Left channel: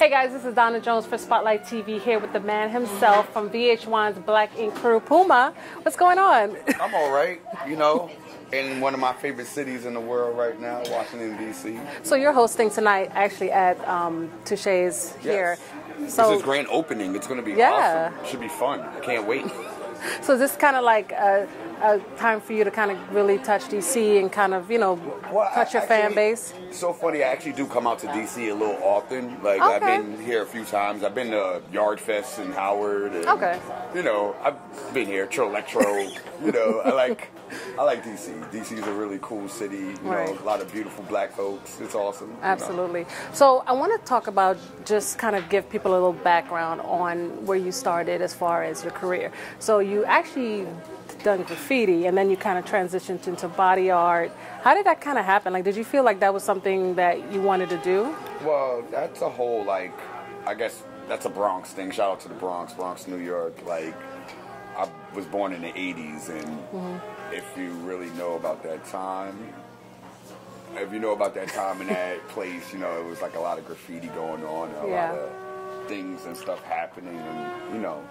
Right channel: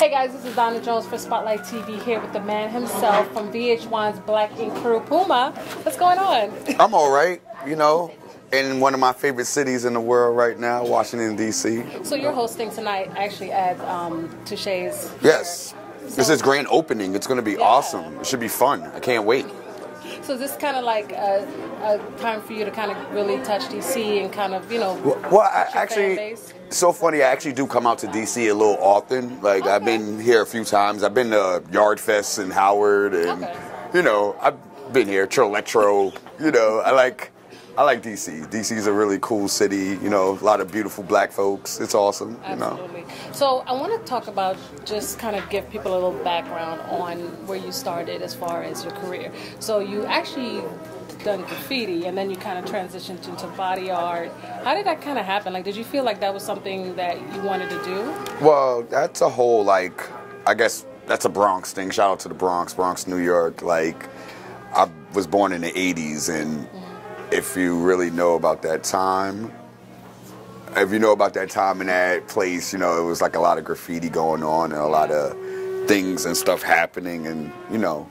Hey guys, this is Donna Jones for Spotlight TV here with the man himself from VH1's Black Ink crew, Puma. What's going on? I'm all right, you know, in one of my favorite cities in the world right now, Washington, D.C. So you're hosting tonight actually at Touche's here. Yes. So, this is grand opening. It's going to be awesome. It should be fun. I can't wait. So is this kind of like a time for you to kind of really touch D.C. and kind of, you know, touch your fan base? So funny, I actually do come out to D.C. a little often. Like, I've been here a few times. I've been to Yard Fest in Howard. And, you know, I've been here, Electro. You know, I like D.C. D.C.'s a really cool city, you know, a lot of beautiful black folks. It's awesome. Absolutely. You know? So I want to talk about, just kind of give people a little background on where you started as far as your career. So you actually done graffiti and then you kind of transitioned into body art. How did that kind of happen? Like, did you feel like that was something that you wanted to do? Well, that's a whole, like, I guess that's a Bronx thing. Shout out to the Bronx, New York. Like, I was born in the 80s and if you really know about that time, in that place, you know, it was like a lot of graffiti going on and a lot of things and stuff happening and, you know,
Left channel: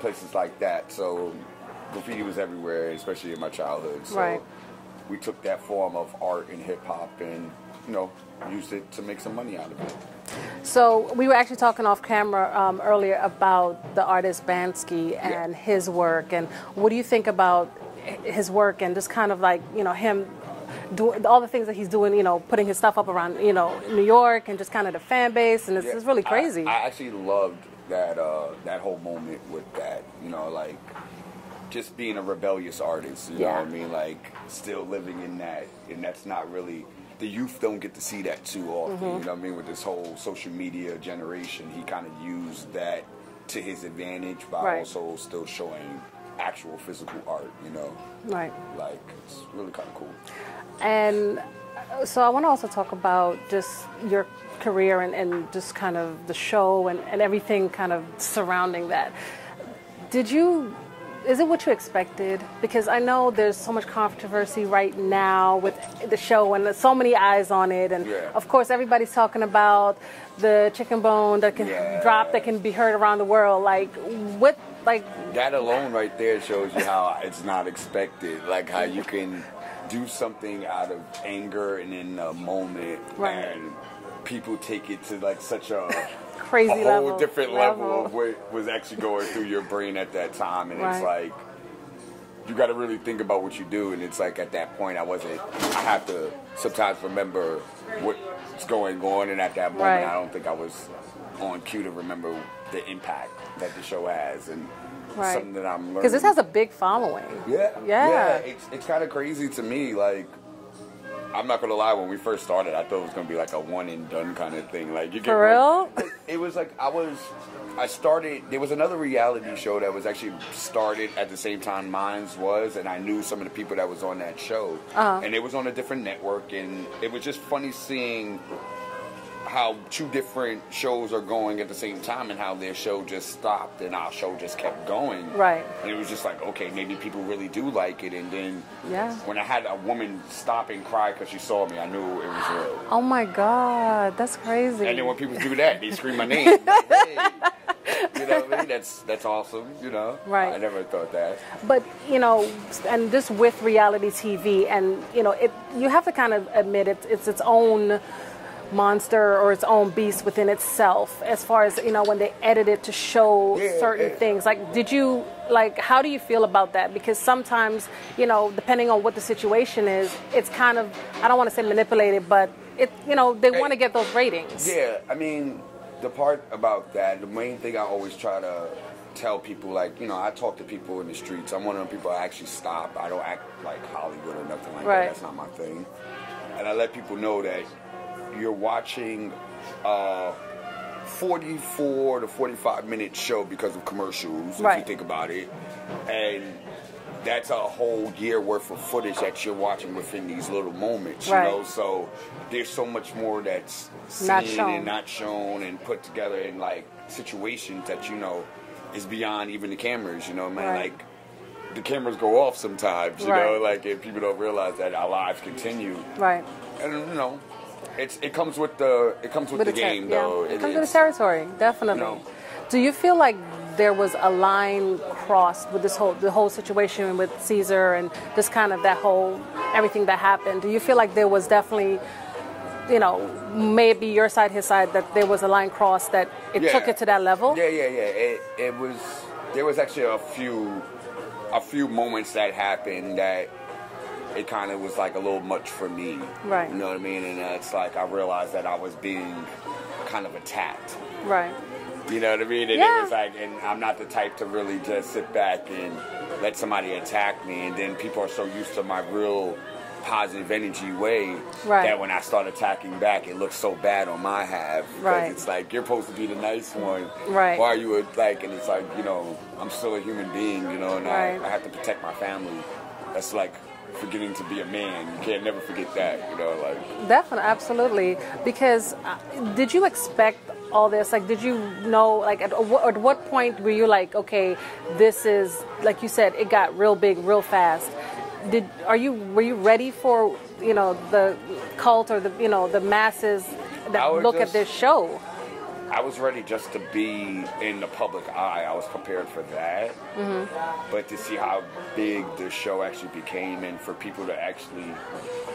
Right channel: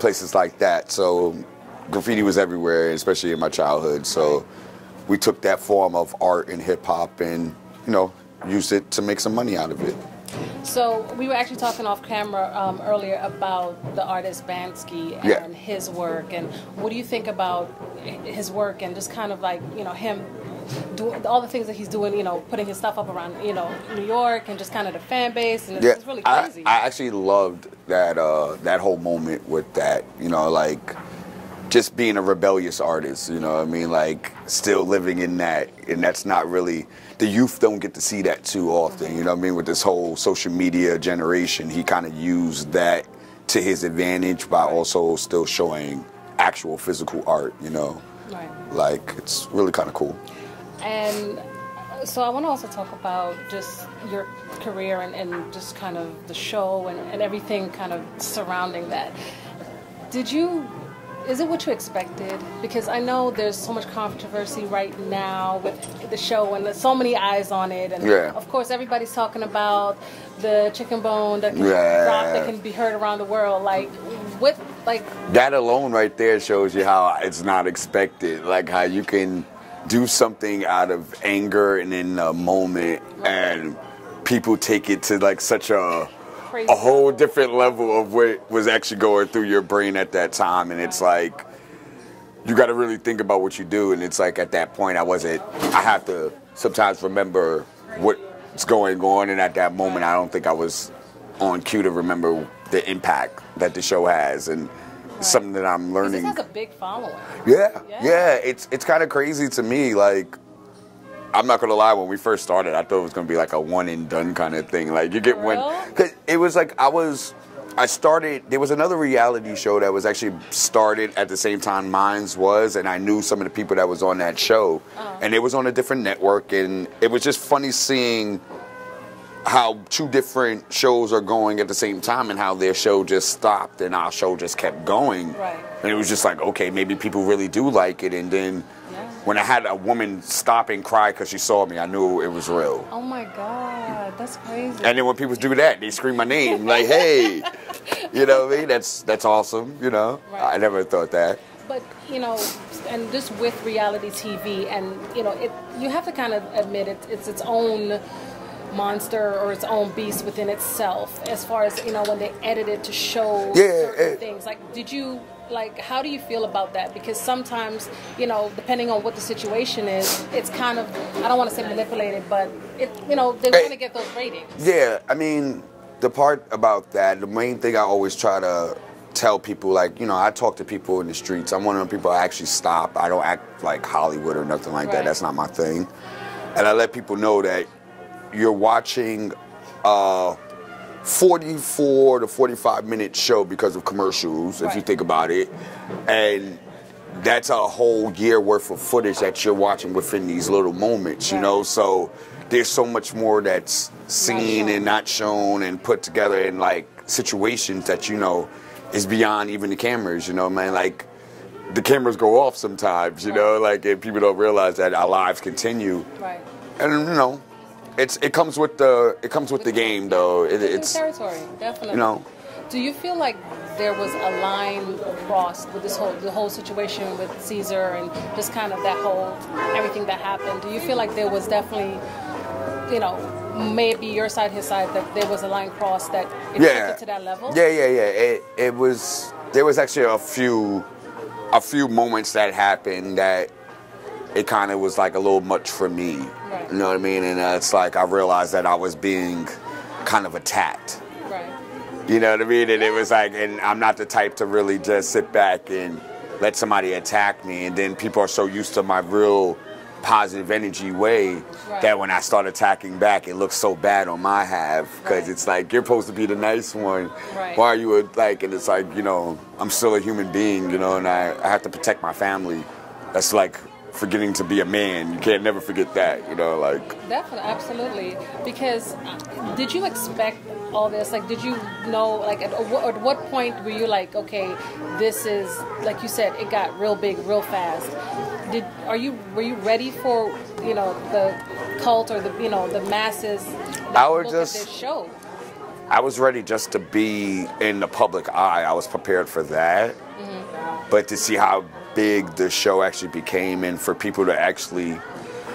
places like that. So graffiti was everywhere, especially in my childhood. So we took that form of art and hip hop and, you know, used it to make some money out of it. So we were actually talking off camera earlier about the artist Bansky and his work, and what do you think about his work and just kind of like, you know, him doing all the things that he's doing, you know, putting his stuff up around, you know, New York and just kind of the fan base, and it's really crazy. I actually loved that that whole moment with that, you know, like just being a rebellious artist, you know what I mean, like still living in that, and that's not really. The youth don't get to see that too often, you know what I mean? With this whole social media generation, he kind of used that to his advantage by also still showing actual physical art, you know? Like, it's really kind of cool. And so I want to also talk about just your career and just kind of the show and everything kind of surrounding that. Is it what you expected? Because I know there's so much controversy right now with the show and there's so many eyes on it. And of course, everybody's talking about the chicken bone that can drop, that can be heard around the world. Like, that alone right there shows you how it's not expected. Like how you can do something out of anger and in a moment and people take it to like such a whole different level of what was actually going through your brain at that time, and it's like you got to really think about what you do, and it's like at that point I have to sometimes remember what's going on, and at that moment I don't think I was on cue to remember the impact that the show has, and something that I'm learning. Because this has a big following. Yeah. It's kind of crazy to me, like. I'm not gonna lie. When we first started, I thought it was gonna be like a one and done kind of thing. Like you get it was like I started. There was another reality show that was actually started at the same time mine's was, and I knew some of the people that was on that show, and it was on a different network, and it was just funny seeing how two different shows are going at the same time and how their show just stopped and our show just kept going. And it was just like, okay, maybe people really do like it. And then when I had a woman stop and cry because she saw me, I knew it was real. Oh my God, that's crazy. And then when people do that, they scream my name, like, hey, you know what I mean? That's awesome, you know? I never thought that. But, you know, and just with reality TV, and, you know, you have to kind of admit it's its own monster or its own beast within itself, as far as, you know, when they edit it to show certain things. Like, how do you feel about that? Because sometimes, you know, depending on what the situation is, it's kind of, I don't want to say manipulated, but you know, they want to get those ratings. Yeah, I mean, the part about that, the main thing I always try to tell people, like, you know, I talk to people in the streets. I'm one of the people I actually stop. I don't act like Hollywood or nothing like that. That's not my thing. And I let people know that you're watching a 44 to 45-minute show because of commercials, if you think about it. And that's a whole year worth of footage that you're watching within these little moments, you know? So there's so much more that's seen and not shown and put together in, like, situations that, you know, is beyond even the cameras, you know, man? Like, the cameras go off sometimes, you know? Like, and people don't realize that our lives continue. And, you know, it comes with the game, though. It comes with the territory, definitely. You know. Do you feel like there was a line crossed with the whole situation with Caesar and just kind of everything that happened? Do you feel like there was definitely, maybe your side, his side, that there was a line crossed that it took it to that level? Yeah. It was. There was actually a few moments that happened that it kind of was like a little much for me. Right. You know what I mean? And it's like I realized that I was being kind of attacked. Right. You know what I mean? And it was like, and I'm not the type to really just sit back and let somebody attack me. And then people are so used to my real positive energy way that when I start attacking back, it looks so bad on my half. Because it's like, you're supposed to be the nice one. Right. Why are you like, and it's like, I'm still a human being, and I have to protect my family. That's like forgetting to be a man. You can't never forget that, like. Definitely, absolutely. Because did you expect all this? Like, did you know, like, at what point were you like, okay, this is, like you said, it got real big, real fast. Were you ready for, the cult or the masses that look at this show? I was ready just to be in the public eye. I was prepared for that. But to see how big the show actually became, and for people to actually,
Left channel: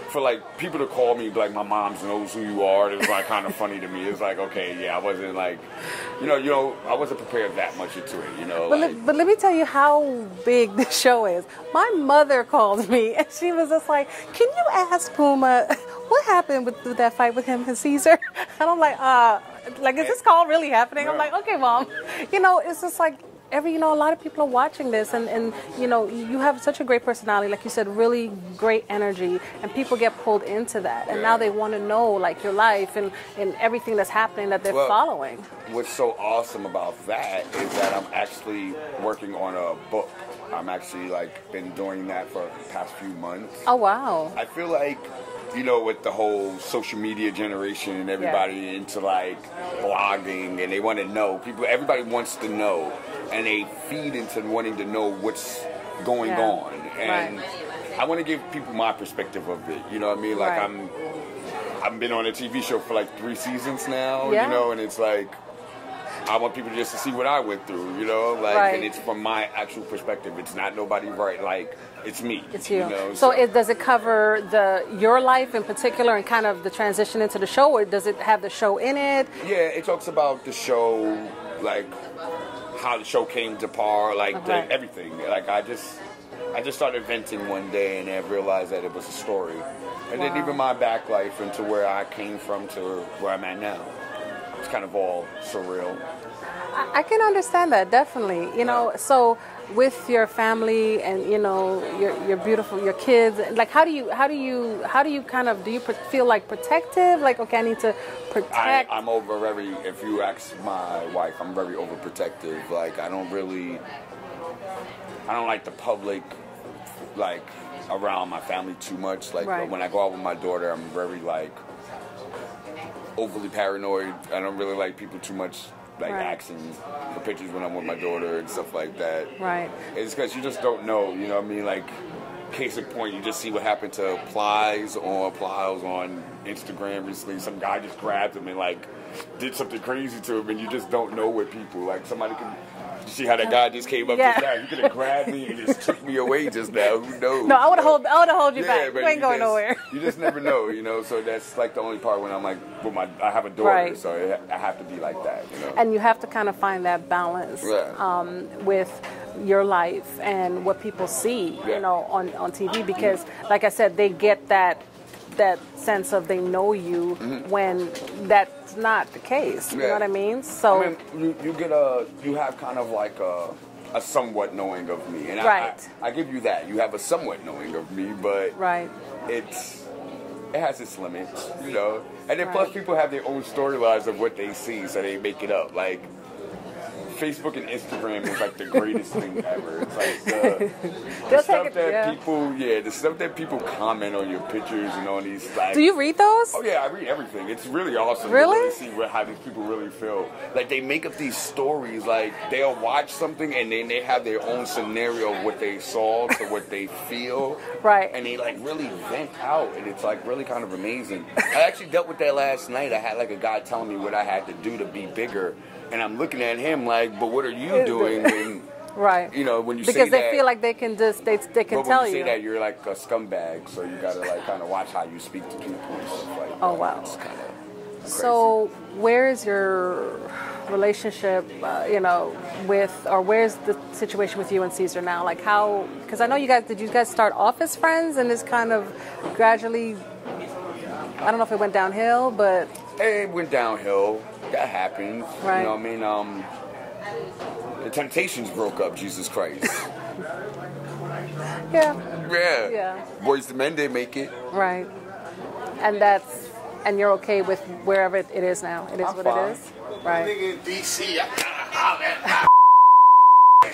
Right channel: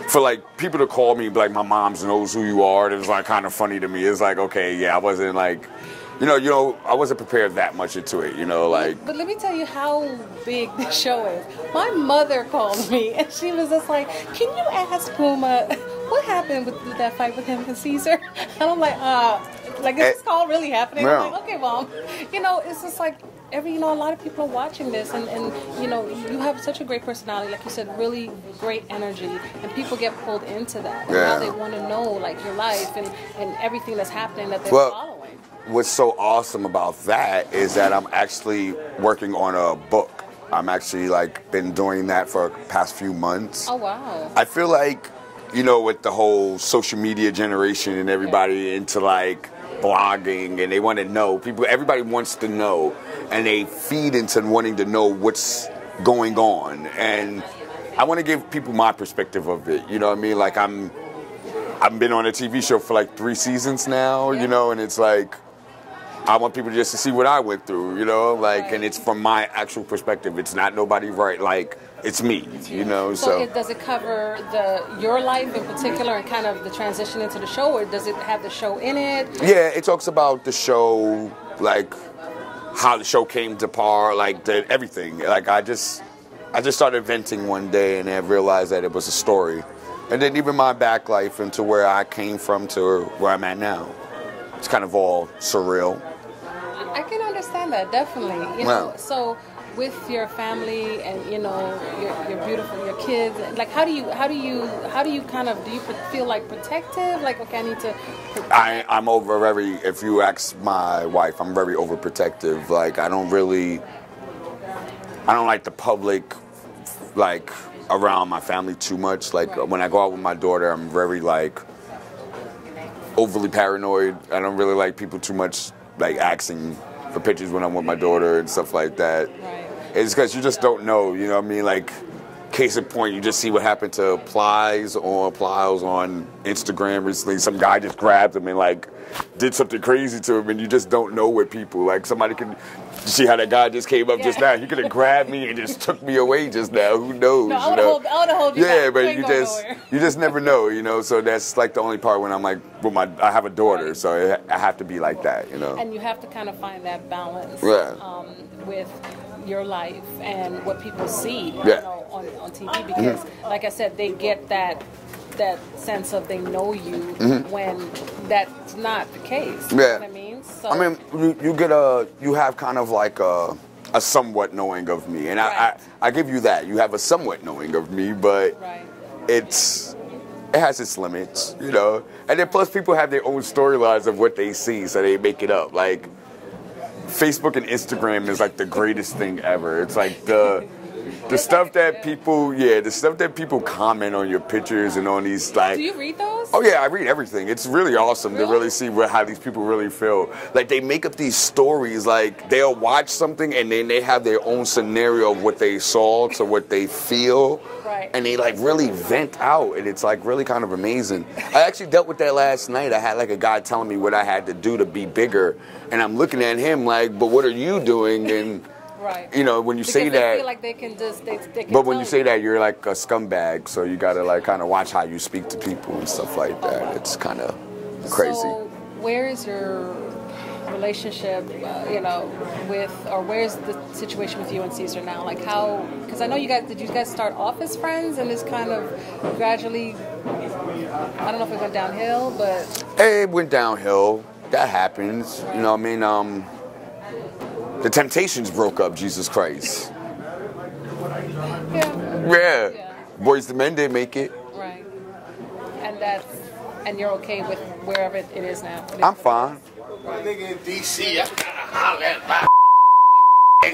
for like people to call me, like, my mom knows who you are, and it was like kind of funny to me. It's like, okay, I wasn't like, I wasn't prepared that much into it, But let me tell you how big the show is. My mother called me, and she was just like, can you ask Puma what happened with that fight with him and Caesar? And I'm like, is this call really happening? No. I'm like, okay, Mom. It's just like, a lot of people are watching this, and you have such a great personality, like you said, really great energy, and people get pulled into that. And now they want to know, like, your life and everything that's happening that they're following. What's so awesome about that is that I'm actually working on a book. I'm actually, like, been doing that for the past few months. Oh, wow. I feel like, with the whole social media generation and everybody into, like, blogging, and they want to know. Everybody wants to know, and they feed into wanting to know what's going on. And I want to give people my perspective of it. You know what I mean? Like, I've been on a TV show for like 3 seasons now, and it's like, I want people just to see what I went through, and it's from my actual perspective. It's not nobody it's me, it's you. So does it cover your life in particular and kind of the transition into the show, or does it have the show in it? Yeah, it talks about the show, like how the show came to par, like everything. Like I just started venting one day and then realized that it was a story, and then even my back life into where I came from to where I'm at now. It's kind of all surreal. I can understand that, definitely. So with your family and your beautiful your kids, like how do you kind of, do you feel like protective? Like, okay, I need to protect. I'm if you ask my wife, I'm very overprotective. Like I don't like the public, like around my family too much. Like when I go out with my daughter, I'm very like overly paranoid. I don't really like people too much, like asking for pictures when I'm with my daughter and stuff like that. Right. It's because you just don't know, you know what I mean? Like, case in point, you just see what happened to Plies on Instagram recently. Some guy just grabbed him and like did something crazy to him, and you just don't know what people, like somebody can, you see how that guy just came up just now? He could have grabbed me and just took me away just now. Who knows? No, I would have hold you back. Yeah, but you just never know, So that's like the only part when I'm like, I have a daughter, so I have to be like that, And you have to kind of find that balance with your life and what people see, on TV, because, like I said, they get that sense of they know you when that's not the case. You know what I mean? So I mean, you have kind of like a somewhat knowing of me, and I give you that. You have a somewhat knowing of me, but it has its limits, And then plus people have their own storylines of what they see, so they make it up. Like Facebook and Instagram is like the greatest thing ever. It's like the stuff that people, the stuff that people comment on your pictures and on these like. Do you read those? Oh yeah, I read everything. It's really awesome to really see how these people really feel. Like they make up these stories. Like they'll watch something and then they have their own scenario of what they saw to what they feel. Right. And they like really vent out, and it's like really kind of amazing. I actually dealt with that last night. I had like a guy telling me what I had to do to be bigger, and I'm looking at him like, but what are you doing? And right. You know, when you because say that, they feel like they can just they can. But when tell you say that, you're like a scumbag, so you gotta like kind of watch how you speak to people and stuff like that. Wow. It's kind of crazy. So where is your relationship, you know, with, or where's the situation with you and Caesar now? Like how, because I know did you guys start off as friends and it's kind of gradually, I don't know if it went downhill, but. Hey, it went downhill. That happens. Right. You know what I mean? The Temptations broke up, Jesus Christ. Yeah. Boys the Men didn't make it. Right. And you're okay with wherever it is now? It is I'm what fine. It is? Right. Nigga in DC, I gotta holler at my Hey,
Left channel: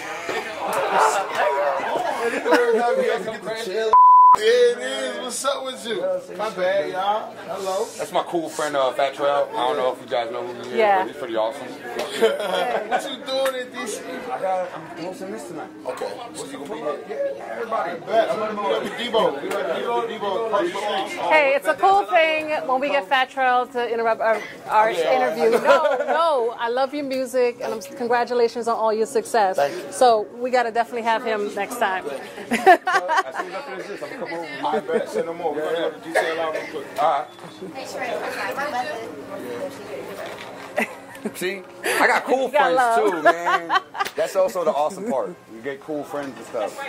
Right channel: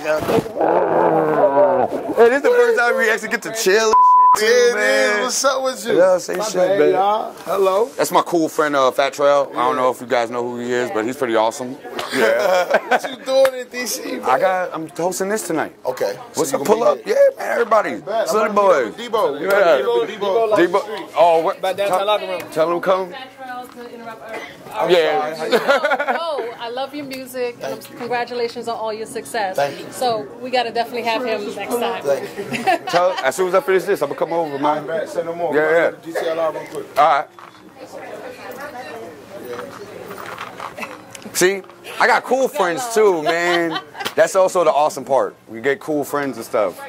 this is the first time we actually get to chill. Yeah, it is. What's up with you? Yeah, say shit, man. Y'all. Hello. That's my cool friend, Fat Trail. I don't know if you guys know who he is, but he's pretty awesome. Yeah. What you doing in DC? I'm hosting this tonight. Okay. What's up? Pull up. Yeah, man, everybody. Sunny boys. Debo. Yeah. Debo. Oh, Hey, what? it's a cool thing Tell when them we come. get Fat Trail to interrupt our Yeah. interview. No, I love your music, and congratulations on all your success. Thank you. So we got to definitely have him next time. Tell, as soon as I finish this, I'm going to come over, man. Say no more. Yeah. GTL real quick. All right. See, I got cool friends too, man. That's also the awesome part. We get cool friends and stuff.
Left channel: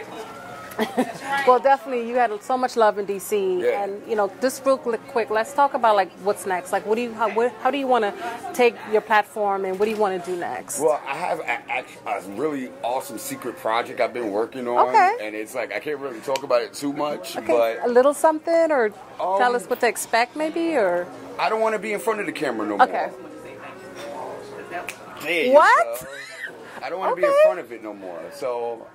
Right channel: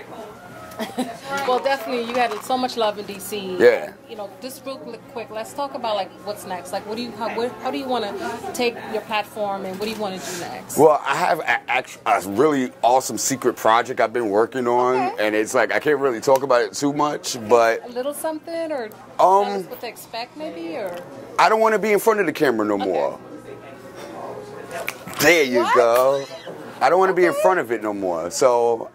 Well, definitely, you had so much love in DC, Yeah. and you know, just real quick, let's talk about like what's next. Like, how do you want to take your platform, and what do you want to do next? Well, I have a really awesome secret project I've been working on, and it's like I can't really talk about it too much, but a little something, or tell us what to expect, maybe, or I don't want to be in front of the camera no more. There you What? go. I don't want to be in front of it no more, so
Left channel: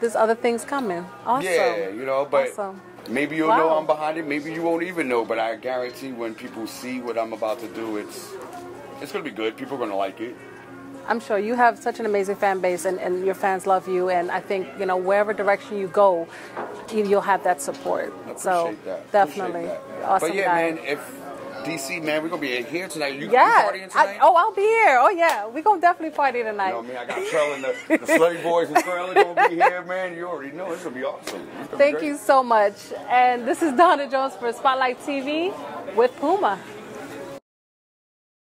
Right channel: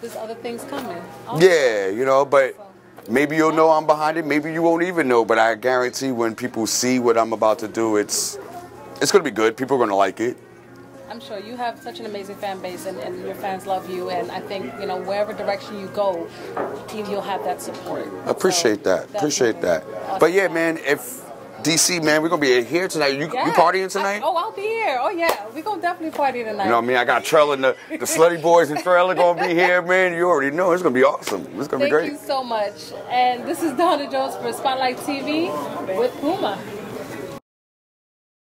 there's other things coming. Awesome. Yeah, you know, but Awesome. maybe you'll know I'm behind it. Maybe you won't even know, but I guarantee when people see what I'm about to do, it's going to be good. People are going to like it. I'm sure you have such an amazing fan base, and your fans love you, and I think, you know, wherever direction you go, you'll have that support. I appreciate that. Appreciate that. Awesome But yeah, guy. man, if DC, man, we're going to be here tonight. You Yeah. partying tonight? I'll be here. Oh, yeah. We're going to definitely party tonight. You know what I mean? I got Trell and the Slutty Boys and Trell are going to be here, man. You already know. It's going to be awesome. It's going to be great. Thank you so much. And this is Donna Jones for Spotlight TV with Puma.